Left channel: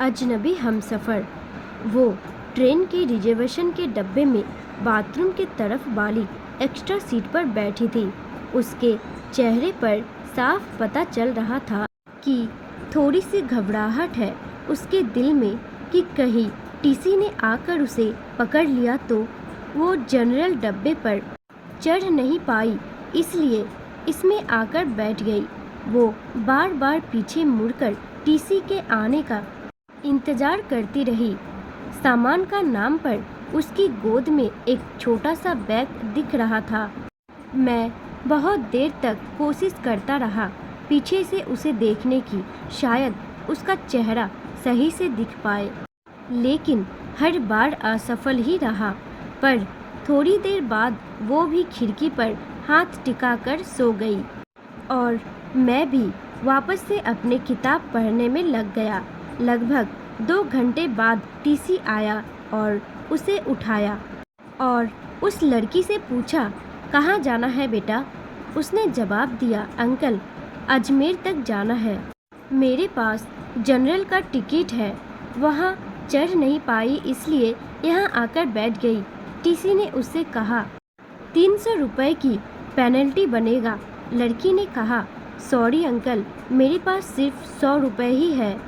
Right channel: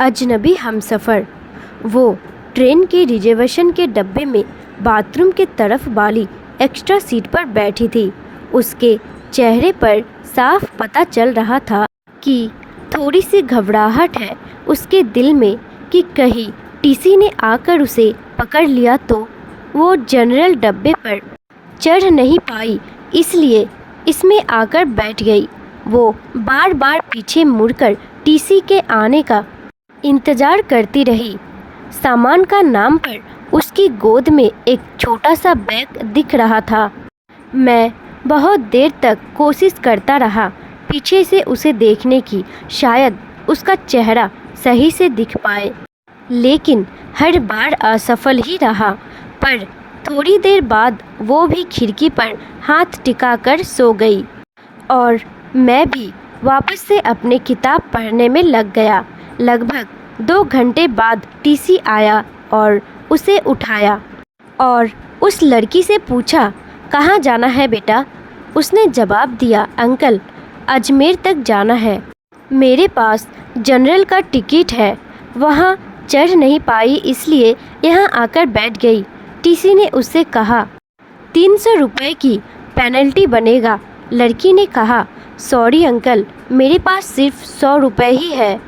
अजनबी हमसफ़र। वो ट्रेन के रिजर्वेशन के डब्बे में बाथरूम के तरफ वाली एक्स्ट्रा सीट पर बैठी थी। उसके चेहरे पर साफ पता चल रहा था कि थोड़ी सी घबराहट है उसके दिल में कि कहीं टीसी ने आकर उसे पकड़ लिया तो। वो जनरल डब्बे पर चढ़ नहीं पाई, इसलिए इसमें आकर बैठ गई। वो बार बार पीछे मुड़कर टीसी के आने का इंतज़ार करती रही। सामान का नाम पर उसकी गोद में एक छोटा सा बैग दिख रहा था। मैं बहुत देर तक कोशिश करता रहा पीछे से उसे देखने की, शायद उसका चेहरा सही से दिख पाए, लेकिन हर बार असफल ही रहा। पर थोड़ी देर बाद वो भी खिड़की पर हाथ टिकाकर सो गई और मैं भी वापस से अपने किताब पढ़ने में लग गया। लगभग 2 घंटे बाद टीसी आया और उसे उठाया और उस लड़की से पूछा, कहाँ जाना है बेटा? उसने जवाब दिया, अंकल अजमेर तक जाना है। मेरे पास जनरल का टिकट है, वहाँ चढ़ नहीं पाई इसलिए यहाँ आकर बैठ गई। टीसी ने उससे कहा, 300 रुपये की पेनल्टी बनेगा। लड़की ने कहा, सॉरी अंकल, मेरे पास सिर्फ 100 रुपये ही है।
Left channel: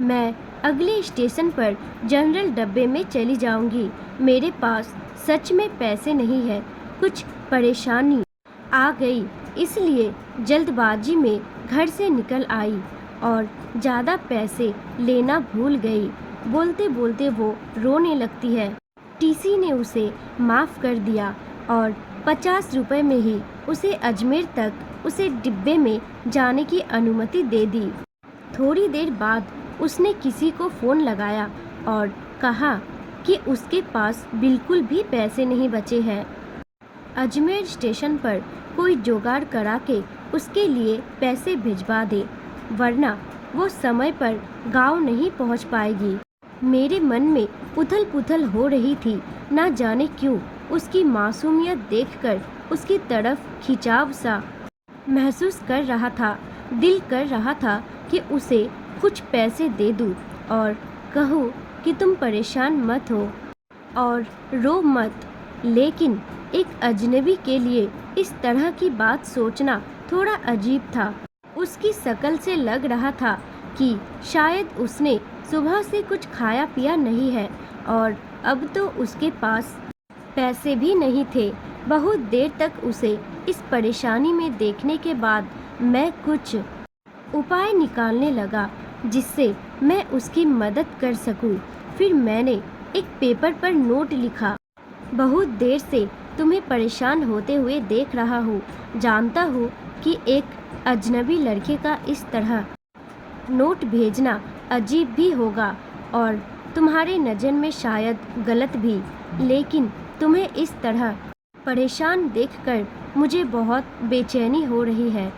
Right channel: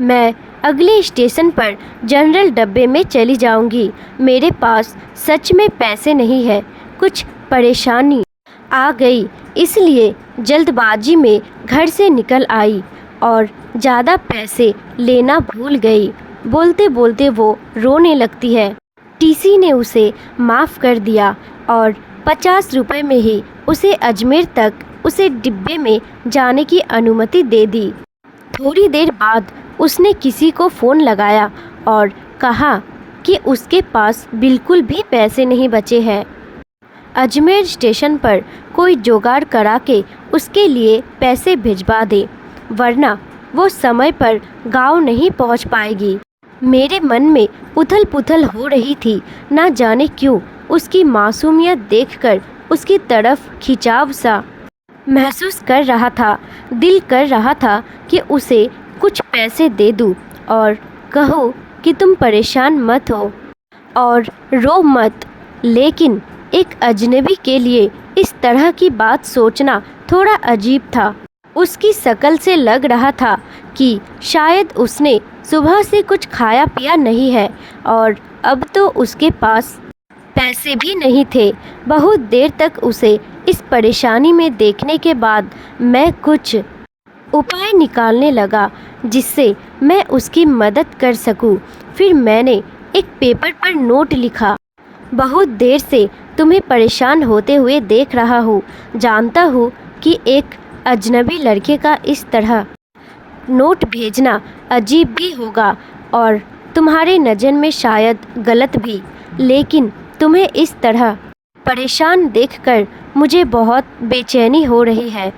मैं अगले स्टेशन पर जनरल डब्बे में चली जाऊंगी। मेरे पास सच में पैसे नहीं है, कुछ परेशानी आ गई इसलिए जल्दबाजी में घर से निकल आई और ज़्यादा पैसे लेना भूल गई। बोलते बोलते वो रोने लगती है। टीसी ने उसे माफ़ कर दिया और 50 रुपये में ही उसे अजमेर तक उसे डिब्बे में जाने की अनुमति दे दी। थोड़ी देर बाद उसने किसी को फ़ोन लगाया और कहा कि उसके पास बिल्कुल भी पैसे नहीं बचे हैं। अजमेर स्टेशन पर कोई जुगाड़ करा के उसके लिए पैसे भिजवा दे, वरना वो समय पर गांव नहीं पहुंच पाएगी। मेरे मन में उथल पुथल हो रही थी। ना जाने क्यों उसकी मासूमियत देखकर उसकी तरफ खिंचाव सा महसूस कर रहा था। दिल कर रहा था कि उसे कुछ पैसे दे दूं और कहो कि तुम परेशान मत हो और रो मत, लेकिन एक अजनबी के लिए इस तरह की बात सोचना थोड़ा अजीब था। उसकी शक्ल से लग रहा था कि शायद उसने सुबह से कुछ खाया पिया नहीं है और अब तो उसके पास पैसे भी नहीं थे। बहुत देर तक उसे इस परेशानी में देखने के बाद मैं कुछ उपाय निकालने लगा जिससे मैं उसकी मदद कर सकूं। फिर मैंने एक पेपर पर नोट लिखा, बहुत देर से तुम्हें परेशान होते हुए देख रहा हूँ। जानता हूँ कि एक अजनबी लड़के का इस तरह नोट भेजना अजीब भी होगा और तुम्हारे नज़र में शायद गलत भी, लेकिन तुम्हें इस तरह परेशान देखकर मुझे बहुत बेचैनी हो रही है,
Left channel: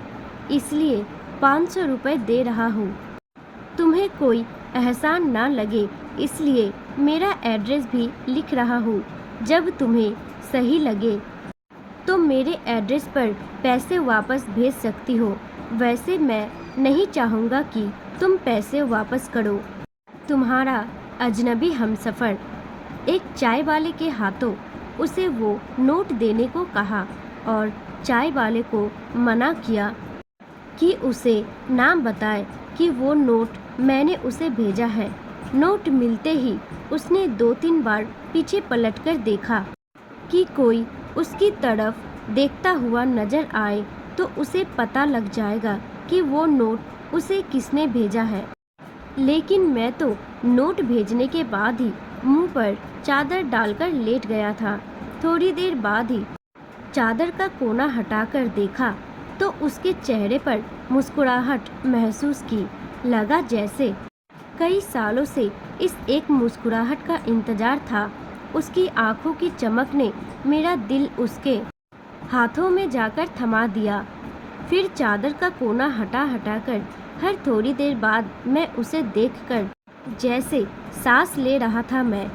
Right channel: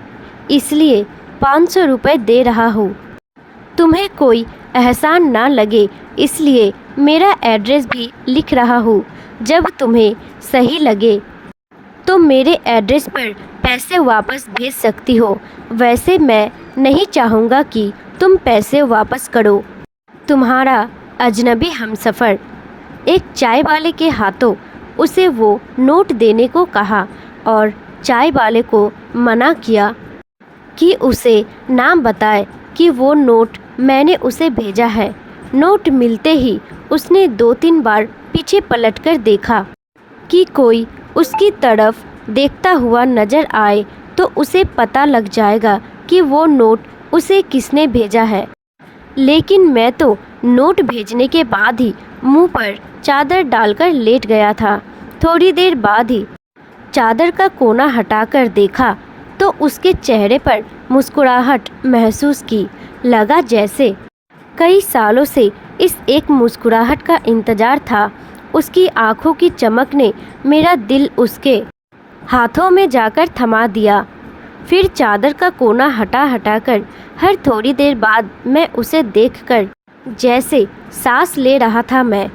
इसलिए 500 रुपये दे रहा हूँ। तुम्हें कोई एहसान ना लगे इसलिए मेरा एड्रेस भी लिख रहा हूँ। जब तुम्हें सही लगे तो मेरे एड्रेस पर पैसे वापस भेज सकती हो। वैसे मैं नहीं चाहूँगा कि तुम पैसे वापस करो। तुम्हारा अजनबी हमसफ़र। एक चाय वाले के हाथों उसे वो नोट देने को कहा और चाय वाले को मना किया कि उसे ना बताए कि वो नोट मैंने उसे भेजा है। नोट मिलते ही उसने 2-3 बार पीछे पलटकर देखा कि कोई उसकी तरफ देखता हुआ नजर आए तो उसे पता लग जाएगा कि वो नोट उसे किसने भेजा है। लेकिन मैं तो नोट भेजने के बाद ही मुंह पर चादर डालकर लेट गया था। थोड़ी देर बाद ही चादर का कोना हटाकर देखा तो उसके चेहरे पर मुस्कुराहट महसूस की। लगा जैसे कई सालों से इस एक मुस्कुराहट का इंतज़ार था। उसकी आंखों की चमक ने मेरा दिल उसके हाथों में जाकर थमा दिया। फिर चादर का कोना हटाकर हर थोड़ी देर बाद मैं उसे देखकर जैसे सांस ले रहा था। मैं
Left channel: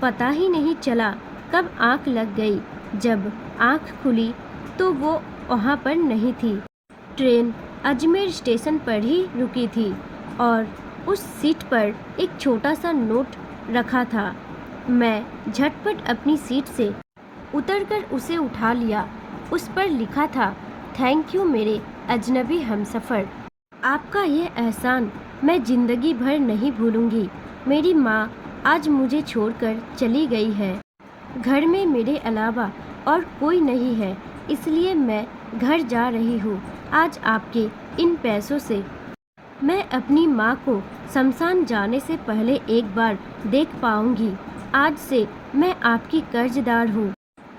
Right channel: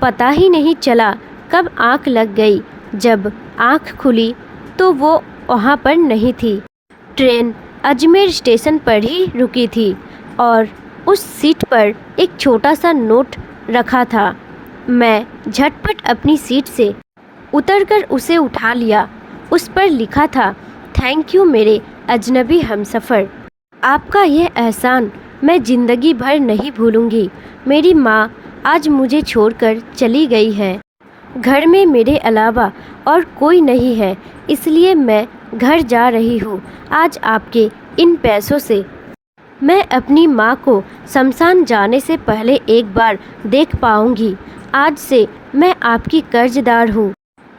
पता ही नहीं चला कब आंख लग गई। जब आंख खुली तो वो वहाँ पर नहीं थी। ट्रेन अजमेर स्टेशन पर ही रुकी थी और उस सीट पर एक छोटा सा नोट रखा था। मैं झटपट अपनी सीट से उतरकर उसे उठा लिया। उस पर लिखा था, थैंक यू मेरे अजनबी हमसफ़र। आपका यह एहसान मैं ज़िंदगी भर नहीं भूलूंगी। मेरी माँ आज मुझे छोड़कर चली गई है। घर में मेरे अलावा और कोई नहीं है, इसलिए मैं घर जा रही हूँ। आज आपके इन पैसों से मैं अपनी माँ को शमशान जाने से पहले एक बार देख पाऊँगी। आज से मैं आपकी कर्जदार हूँ।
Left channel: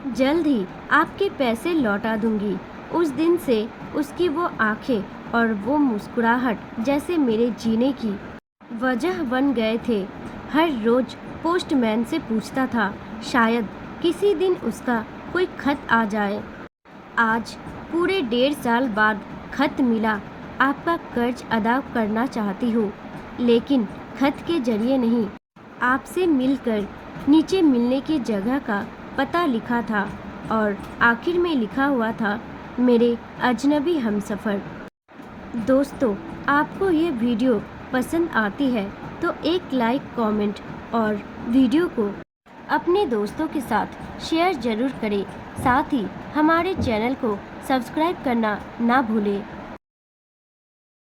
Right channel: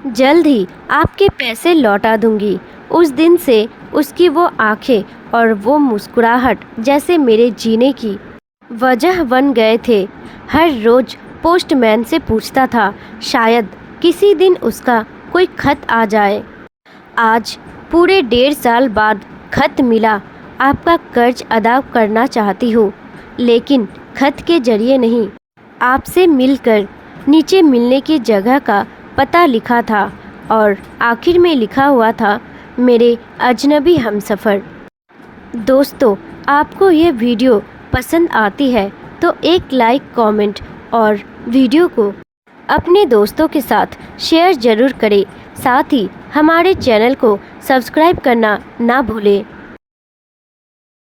जल्द ही आपके पैसे लौटा दूँगी। उस दिन से उसकी वो आंखें और वो मुस्कुराहट जैसे मेरे जीने की वजह बन गए थे। हर रोज़ पोस्टमैन से पूछता था, शायद किसी दिन उसका कोई खत आ जाए। आज पूरे 1.5 साल बाद खत मिला। आपका कर्ज अदा करना चाहती हूँ, लेकिन खत के जरिए नहीं। आपसे मिलकर नीचे मिलने की जगह का पता लिखा था और आखिर में लिखा हुआ था, मेरे अजनबी हमसफ़र। दोस्तों, आपको ये वीडियो पसंद आती है तो एक लाइक, कमेंट और वीडियो को अपने दोस्तों के साथ शेयर ज़रूर करें। साथ ही हमारे चैनल को सब्सक्राइब करना ना भूलें।